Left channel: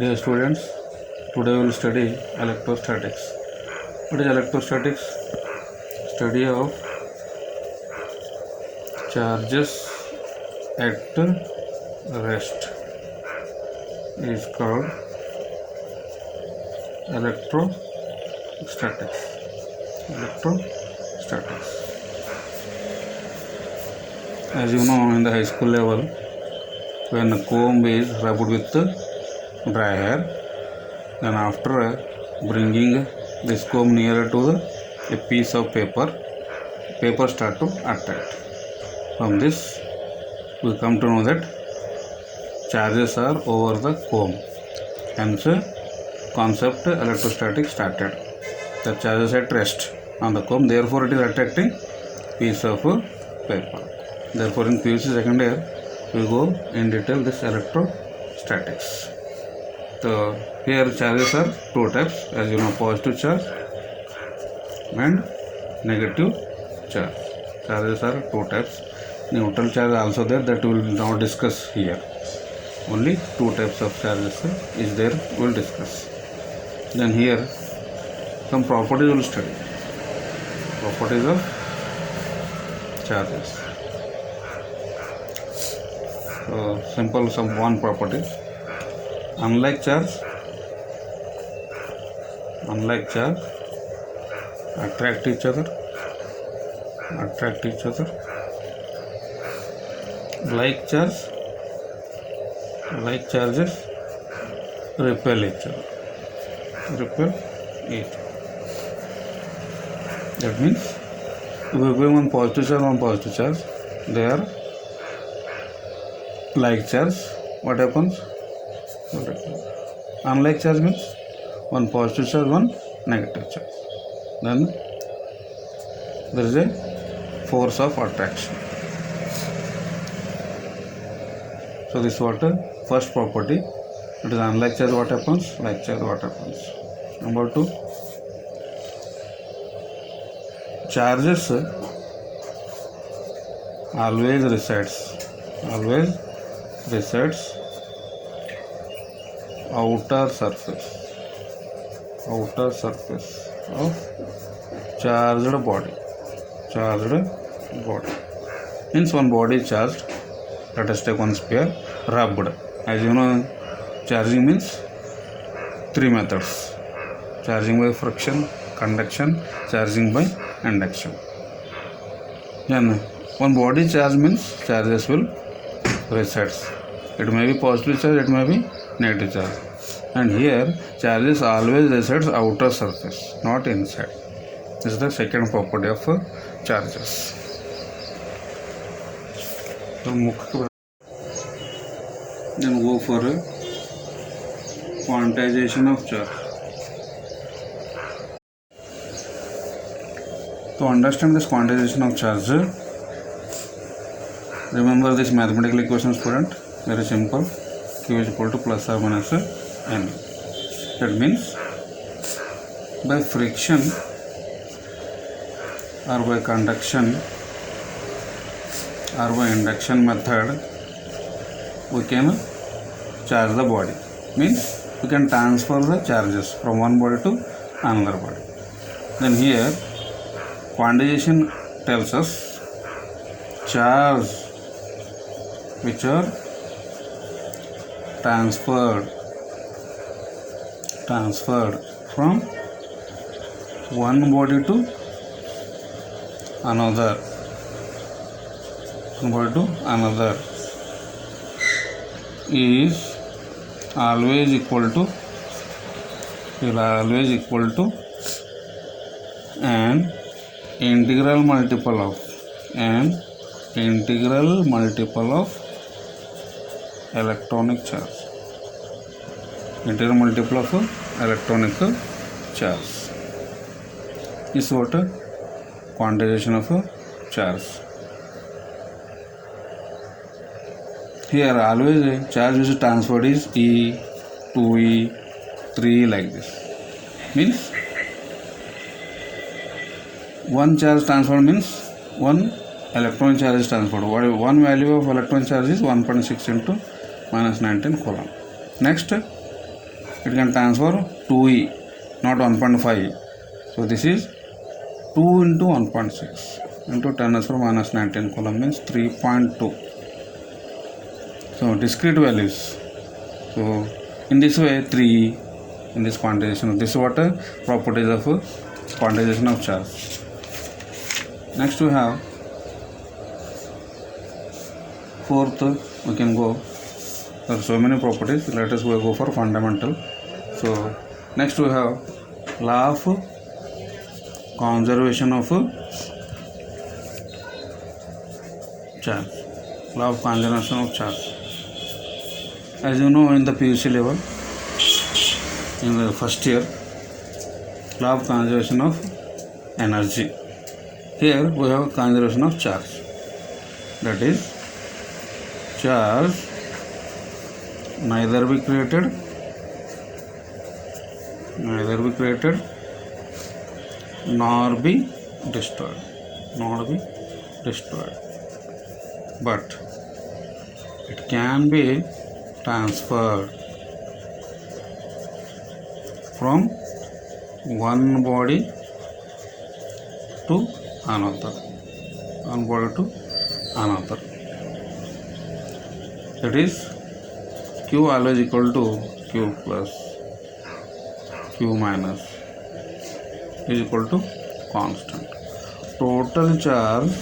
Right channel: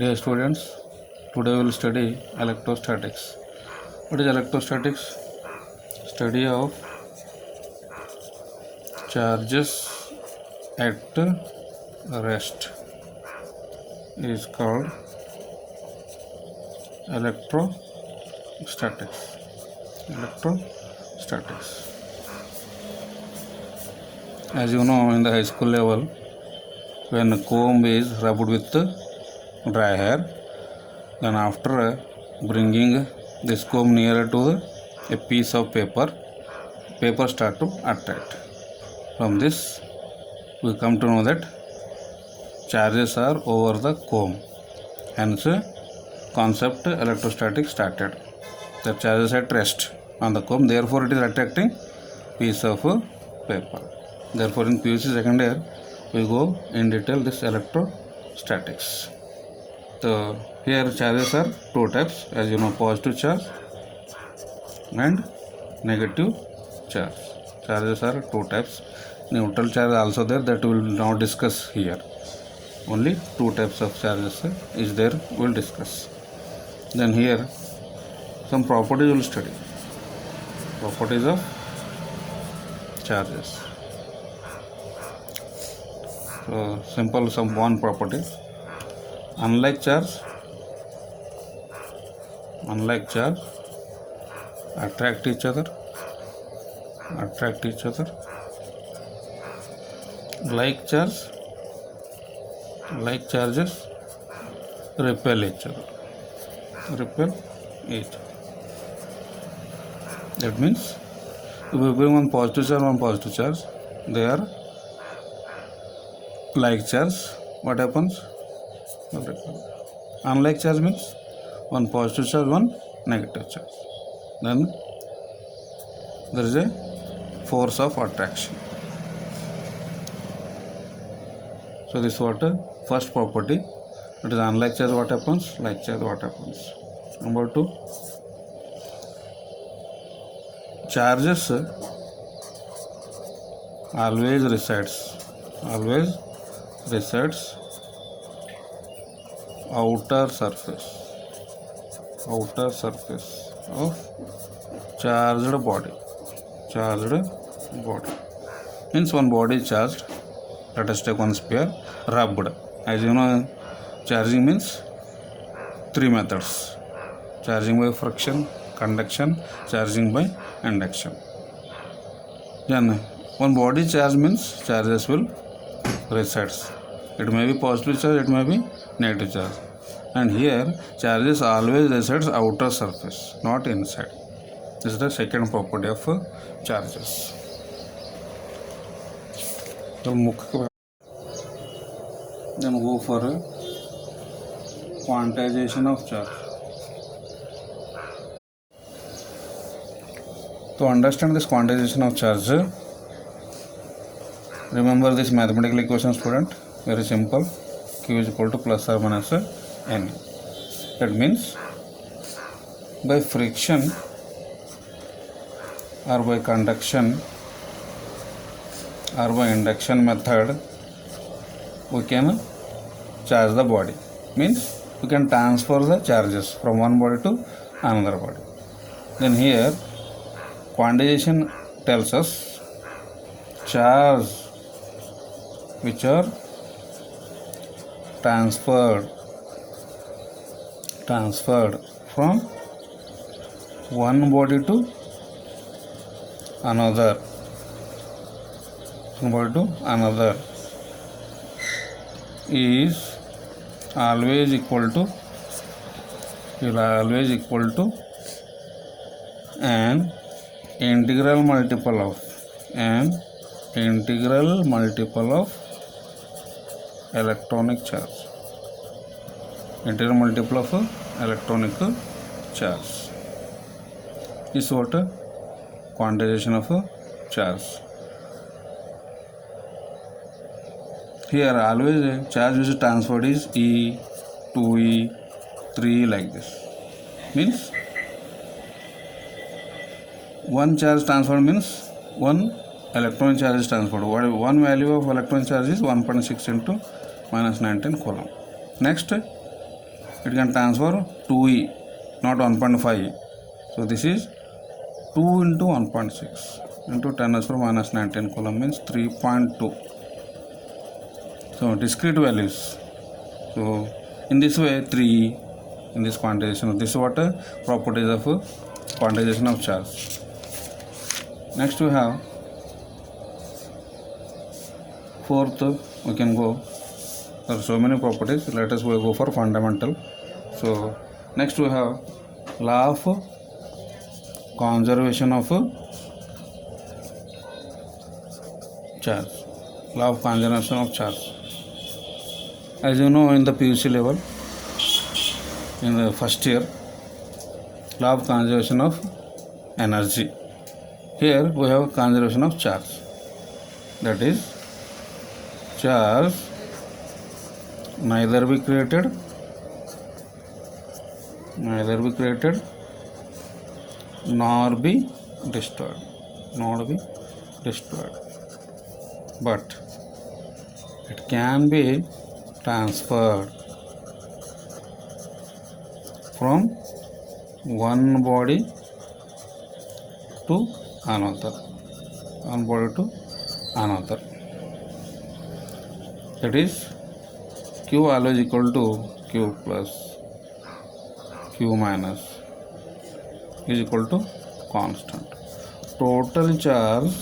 Dear students, today we will study electrostatics. What is electrostatics? Study of charges at rest is called electrostatics. Electrostatics. As you know, in the high school level, when a comb is rubbed with dry hair, then after bringing this comb nearer to a piece of paper start to attract. From this we come to know that charges are over the comb, hence concept electrostatic started. The charges at rest on the comb, therefore it is attracting piece of paper. Therefore in PUC second year we go in detail this electrostatics. So here charges are two types, as you know, positive charge and negative charge. Charges are two types. Neutral charge also there, that we will not discuss here. Only two types of charges is there, we will discuss. Then here some properties we will study. Properties of charges. So simple, some one property. Unlike charge attract each other. Like charges repel each other. That means if we bring one positive charge, they are like charge. What happens? Unlike charge means one positive charge, one negative charge. Then there is a force of attraction. So this is what first property. It is unlike charge, what happens? Like charge, what happens? Number two, charges always resides outer surface of charged body. Means one body is charged. Let us take one sphere rubbed. As you know, charging means three methods: charging by friction, conduction, charging by induction. Then one body charge means charges will resides. It may be positive charge, it may be negative charge. And here charges always resides outer surface, not inside. This is the second property of charges. Then go for quantization of charge. To understand this quantization of charge, remember this mathematical equation, student. Very simple. Q is equal to plus or minus n. That means by friction or by conduction or by induction method, we can charge the body. Means we can transfer the charges from one body to another body. Then here quantization tells us charge which are transferred from one body to another. Is always equal to an integral multiple of electronic charge. Integral multiple of electronic charge is what quantization of charge. Here always charge which is transferred is E, 2E, 3 like this. Means one charge transferred means one electron charge is transferred. One value of electron charge is 1.6 into minus 19 coulomb. Next, it can transfer 2e, not 1.5. So this is 2 into 1.6 into 10 raised to minus 19 coulomb means 3.2. So discrete values. So in this way 3 in this quantization. This is what properties of quantization of charge. Next we have fourth, we can go. There are so many properties. Let us go for fundamental. So next we have law of conservation of charge. Law of conservation of charge. As you know, in the PUC level, in the first year, law of conservation of energy. Here we have conservation of charge. That is, charge neither be created nor be destroyed, but it can be transferred from one body to another. That is, Q always equal to Q plus Q minus is equal to constant. Total charge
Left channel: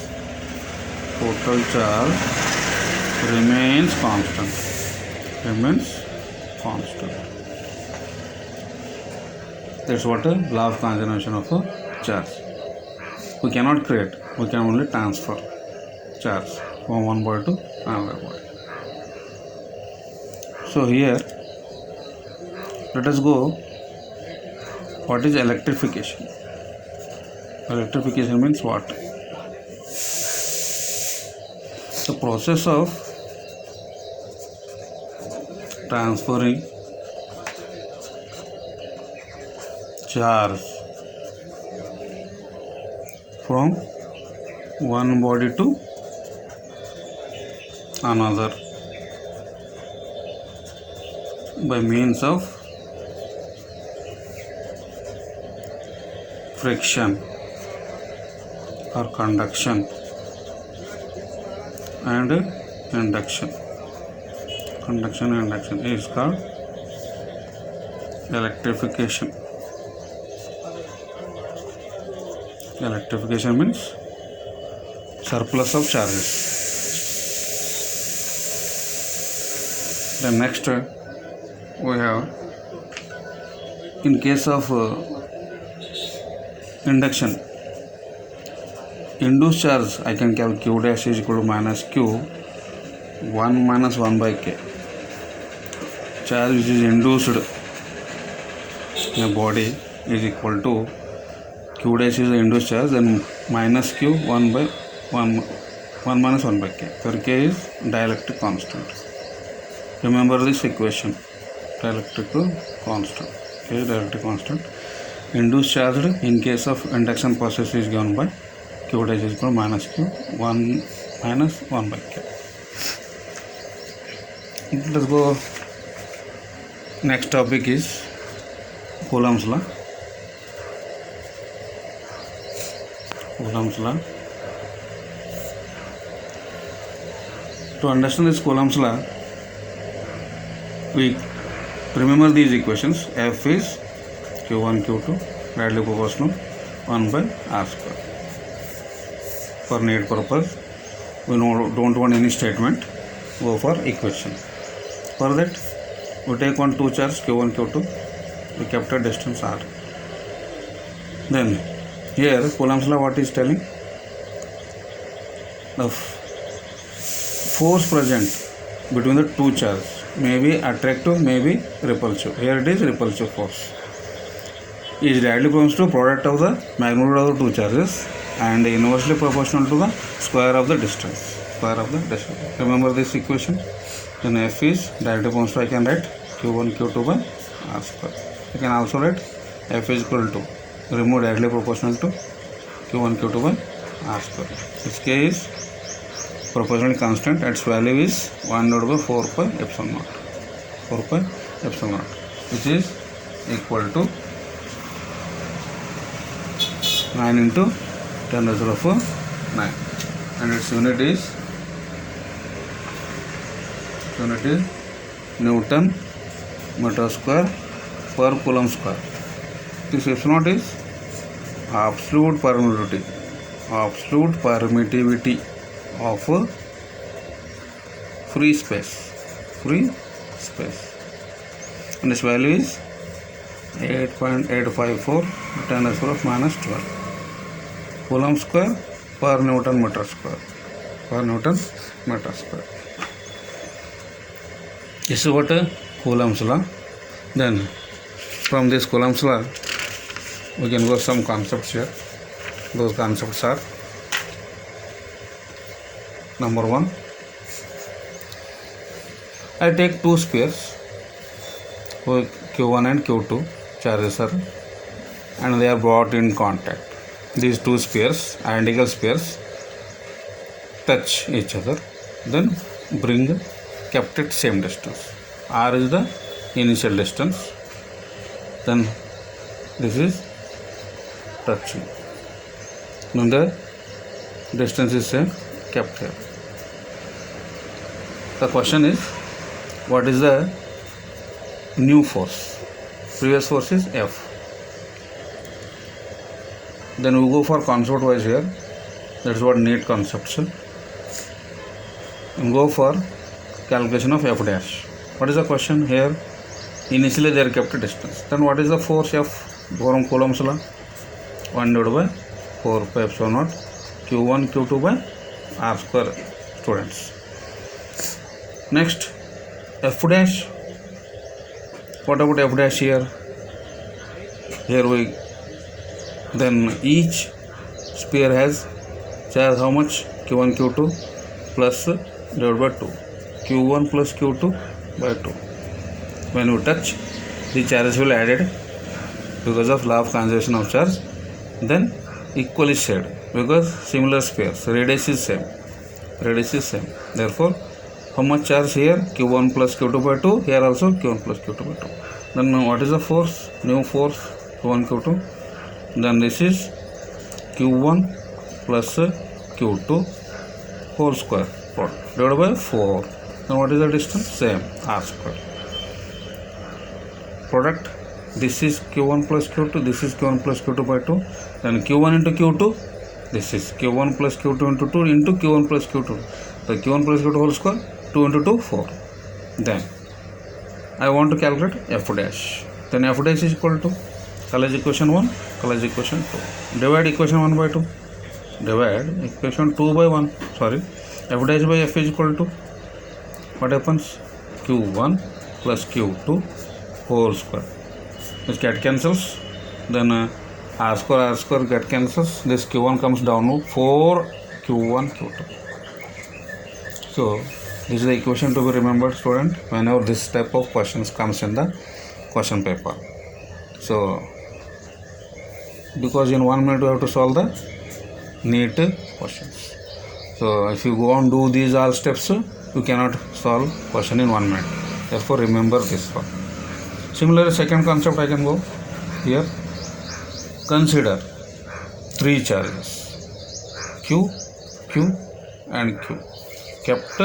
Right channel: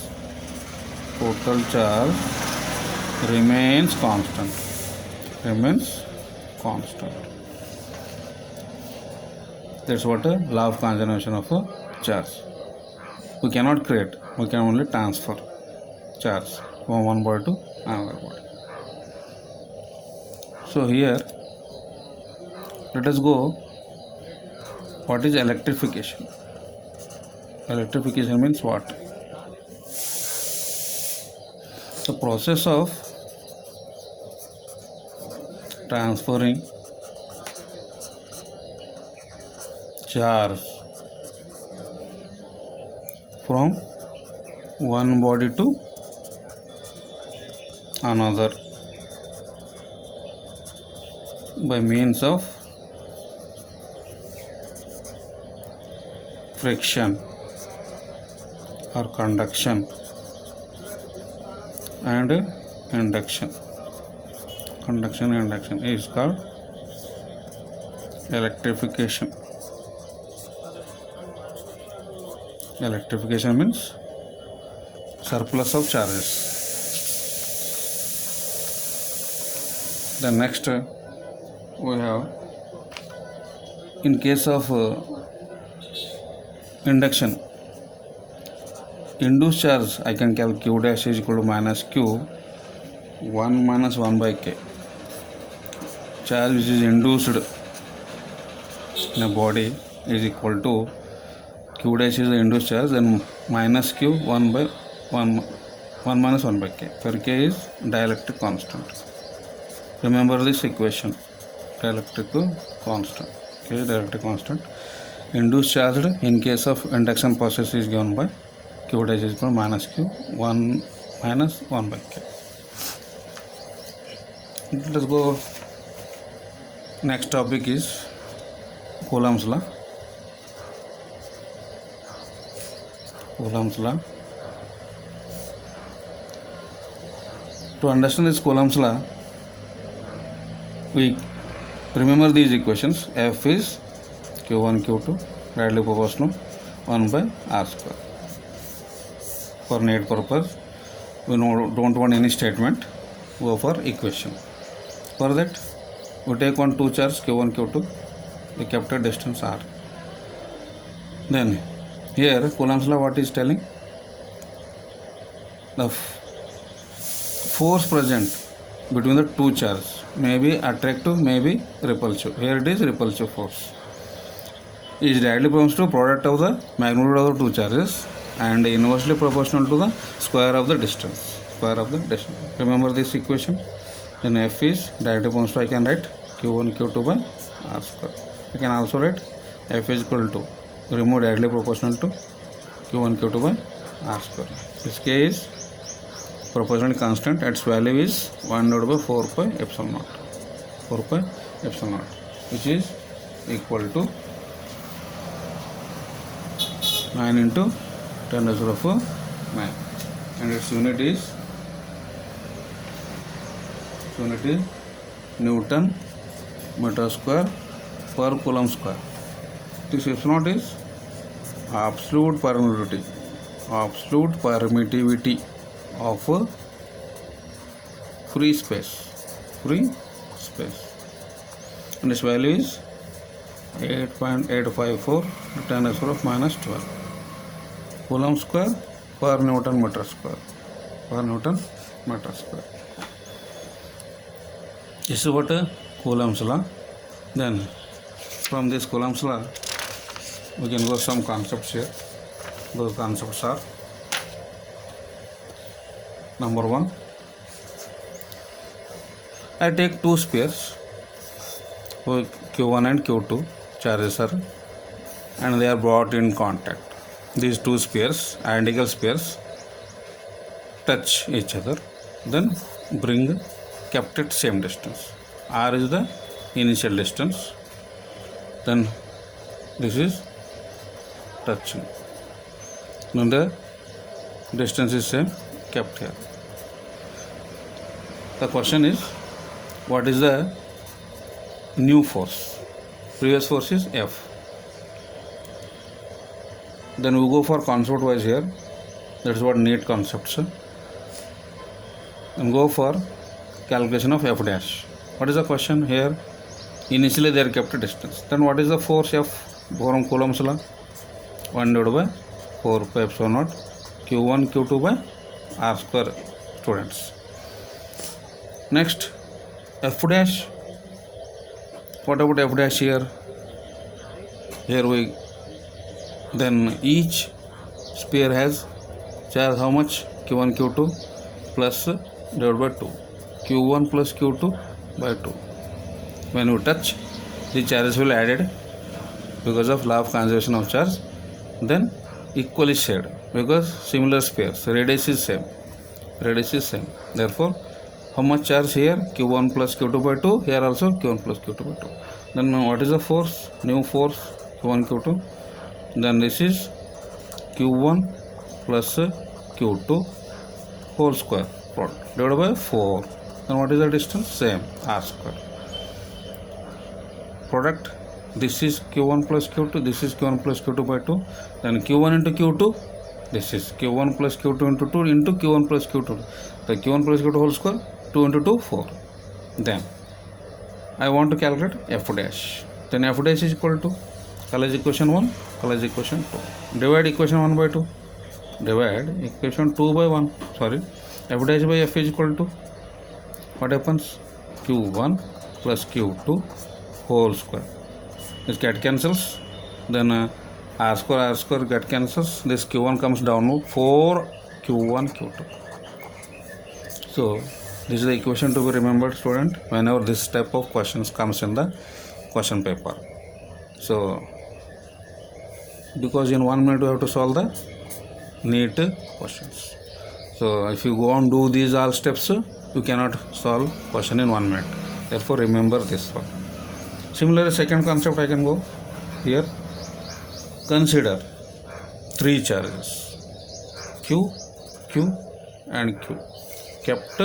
remains constant. That's what a law of conservation of a charge. We cannot create, we can only transfer charge from one body to another body. So here let us go. What is electrification? Electrification means what? The process of transferring charge from one body to another by means of friction or conduction and induction. Conduction and induction is called electrification. Electrification means surplus of charges. Then next we have, in case of induction, induced charge I can calculate Q dash is equal to minus Q 1 minus 1 by K. Charge which is induced in a body is equal to Q dash is the induced charge, then minus Q 1 minus 1 by K, where K is dielectric constant. Remember this equation, dielectric constant. K is dielectric constant. Induced charge in case of induction process is given by Q dash is equal to minus Q 1 minus 1 by K. Let's go. Next topic is Coulomb's law. To understand this Coulomb's law, we remember these equations. F is Q1 Q2 directly proportional 1 by R square. For need purpose, we don't want any statement, go for equation. For that, we take on two charges Q1 Q2, we kept a distance R. Then here Coulomb's law what is telling? The force present between the two charges may be attractive, may be repulsive. Here it is repulsive force. It is directly proportional to product of the magnitude of the two charges and inversely proportional to the square of the distance. Remember this equation? Then F is directly proportional. I can write Q1 Q2 by R square. I can also write F is equal to, remove directly proportional to Q1 Q2 by R square. This K is proportionally constant. Its value is 1 divided by 4 pi epsilon naught. which is equal to 9 into 10 to the power 9, and its unit is Newton meter square per coulomb square. This S0 is absolute permittivity of free space, and this value is 8.854 10 to the power minus 12 coulomb square per Newton meter square. This is what Coulomb's law. Then from this Coulomb's law we can go some concepts here. Those concepts are: number one, I take two spheres, Q1 and Q2 charges are, and they are brought in contact. These two spheres, identical spheres, touch each other, then kept at same distance. R is the initial distance, then this is touching. Now the distance is same, kept here. The question is, what is the new force? Previous force is F. Then we go for concept wise here. That's what neat concepts. And go for calculation of F dash. What is the question here? Initially they are kept a distance. Then what is the force F from Coulomb's law? 1 divided by 4 pi epsilon naught Q1 Q2 by R square, students. Next, F dash. What about F dash here? Then each sphere has charge how much? Q1 Q2 plus divided by 2. Q1 plus Q2 by 2. When you touch, the charges will added because of law of conservation of charge. Then equally shared because similar spheres, radius is same. Therefore, how much charge here? Q1 plus Q2 by 2. Here also Q1 plus Q2 by 2. Then what is the force? New force Q1 Q2. Then this is Q1 plus Q2 whole square divided by 4. Then what is the distance? Same, R square. Product, this is Q1 plus Q2, this is Q1 plus Q2 by 2. Then Q1 into Q2, this is Q1 plus Q2 into 2 into Q1 plus Q2. The Q1 plus Q2 whole square, 2 into 2, 4. Then I want to calculate F dash. Then F dash is equal to college equation 1, college equation 2. Divide equation 1 by 2. Divide equation 2 by 1. Sorry. F dash by F is equal to, what happens? Q1 plus Q2 whole square. This get cancels. Then R square get cancels. This Q1 comes down to 4 Q1 Q2. So this is the equation to be remembered, student, whenever this type of questions comes in the question paper. So because in 1 minute you have to solve the neat questions. So if you go on do these all steps, you cannot solve question in 1 minute. Therefore remember this one. Similarly, second concept I can go here. Consider three charges Q, Q and Q kept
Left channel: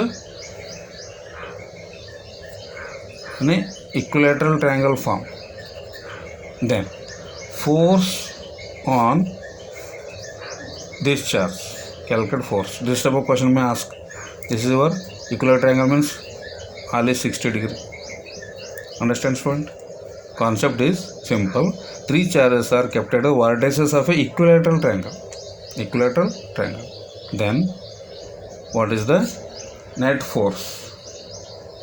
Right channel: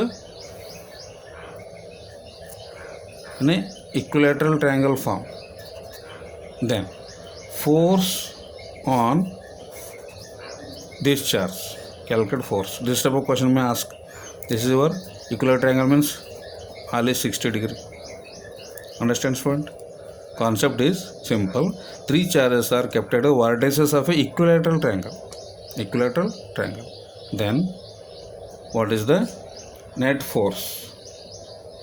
in a equilateral triangle form. Then force on this charge, calculate force. This type of question may ask. This is your equilateral triangle, means only 60 degree. Understand, student? Concept is simple. Three charges are kept at the vertices of a equilateral triangle. Then what is the net force?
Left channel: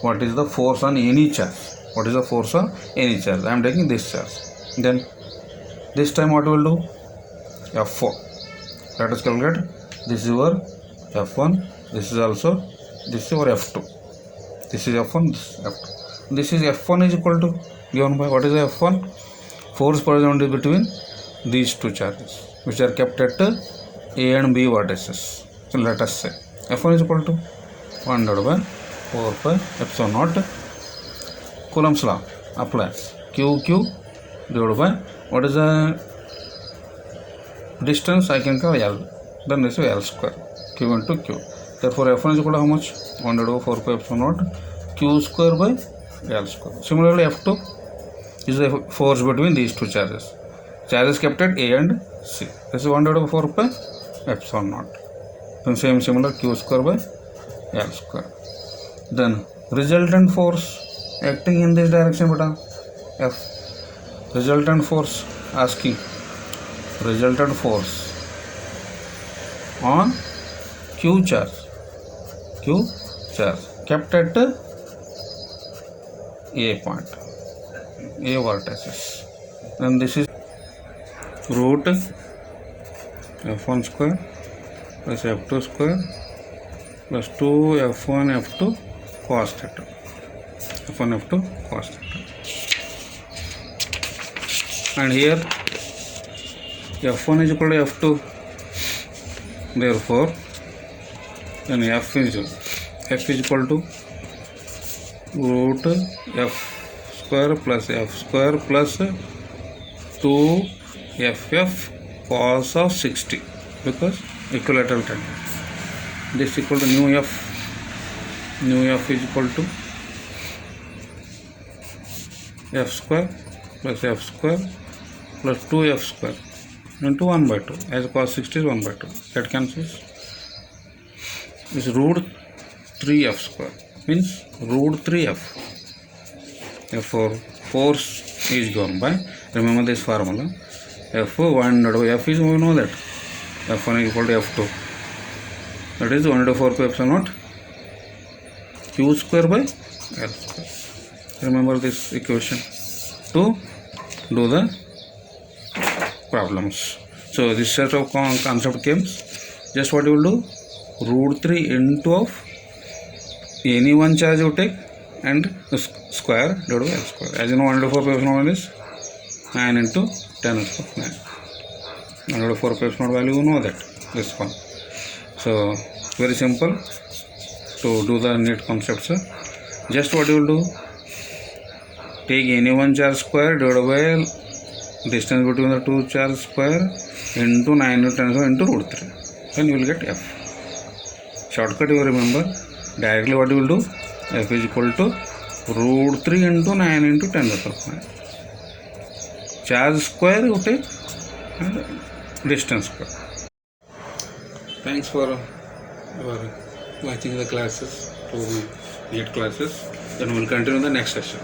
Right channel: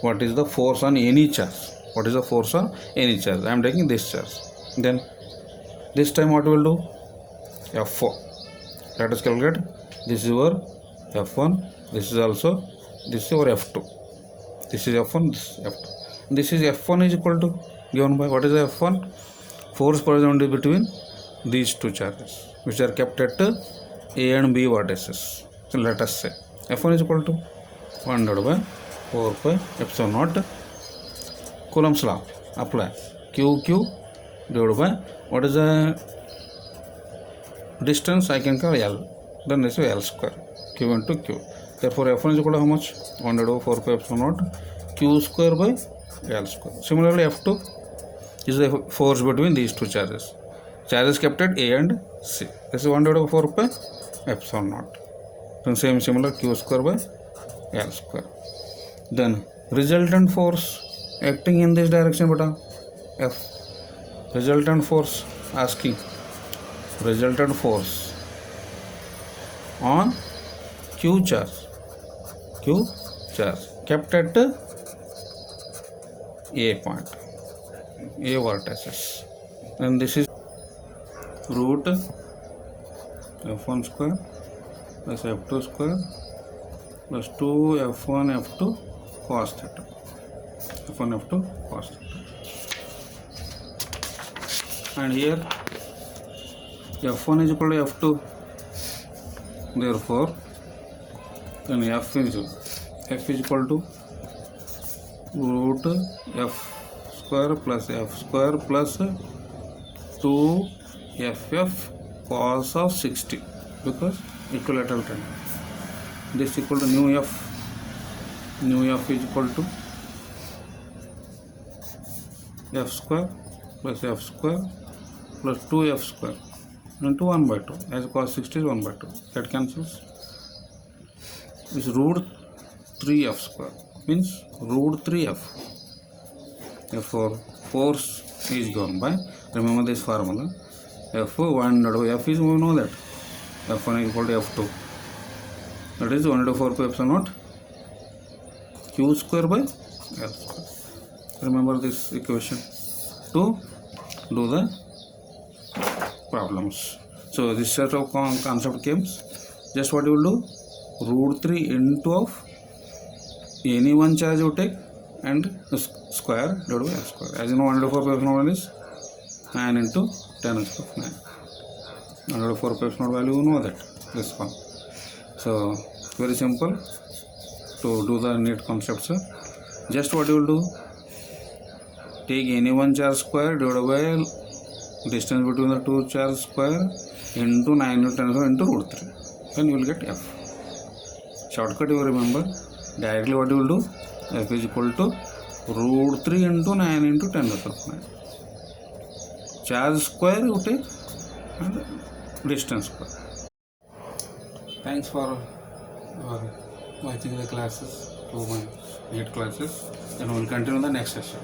What is the force on any charge? I am taking this charge. Then this time what we will do? F4. Let us calculate. This is your F1. This is your F2. This is F1. This is F2. This is F1 is equal to, given by, what is the F1? Force present between these two charges which are kept at A and B vertices. So let us say F1 is equal to 1 divided by 4 pi epsilon naught. Coulomb's law applies. QQ divided by what is the distance I can call L. Then this is L square. Q into Q. Therefore F1 is equal to how much? 1 over 4 pi epsilon naught Q square by L square. Similarly F2 is the force between these two charges. Charges kept at A and C. This is 1 over 4 pi epsilon naught. Then same similar Q square by L square. Then resultant force acting in this direction beta F. Resultant force asking resultant force on Q charge kept at A point, A vertices. And this is root F1 square plus F2 square plus 2 F1 F2 cos theta. F1 F2 cos theta. And here F1 is equal to F2. Therefore, then F is equal to root F square plus 2 FF cos of 60 because equilateral triangle. This is equal to nu F. Nu F is equal to F square plus 2 F square into 1 by 2 as cos 60 is 1 by 2. That cancels. This root 3F square means root 3F. Therefore, force is given by, remember this formula, F1 F is, we know that F1 is equal to F2. That is 1 over 4 pi epsilon naught Q square by L square. Remember this equation to do the problems. So this set of concept comes, just what you will do, root 3 into of any one charge you take and the square divided by L square. As you know, 1 over 4 pi epsilon naught is 9 into 10 to the 9. 1 over 4 pi epsilon naught value, you know that, this one. So very simple to do the neat concepts. Just what you will do, take any one charge square divided by distance between the two charge square into 9 into 10 into root 3. Then you will get F. Shortcut you remember, directly what you will do, F is equal to root 3 into 9 into 10 to the 9. Charge square you take and distance square. Thanks for watching the classes, to my NEET classes. Then we will continue the next session.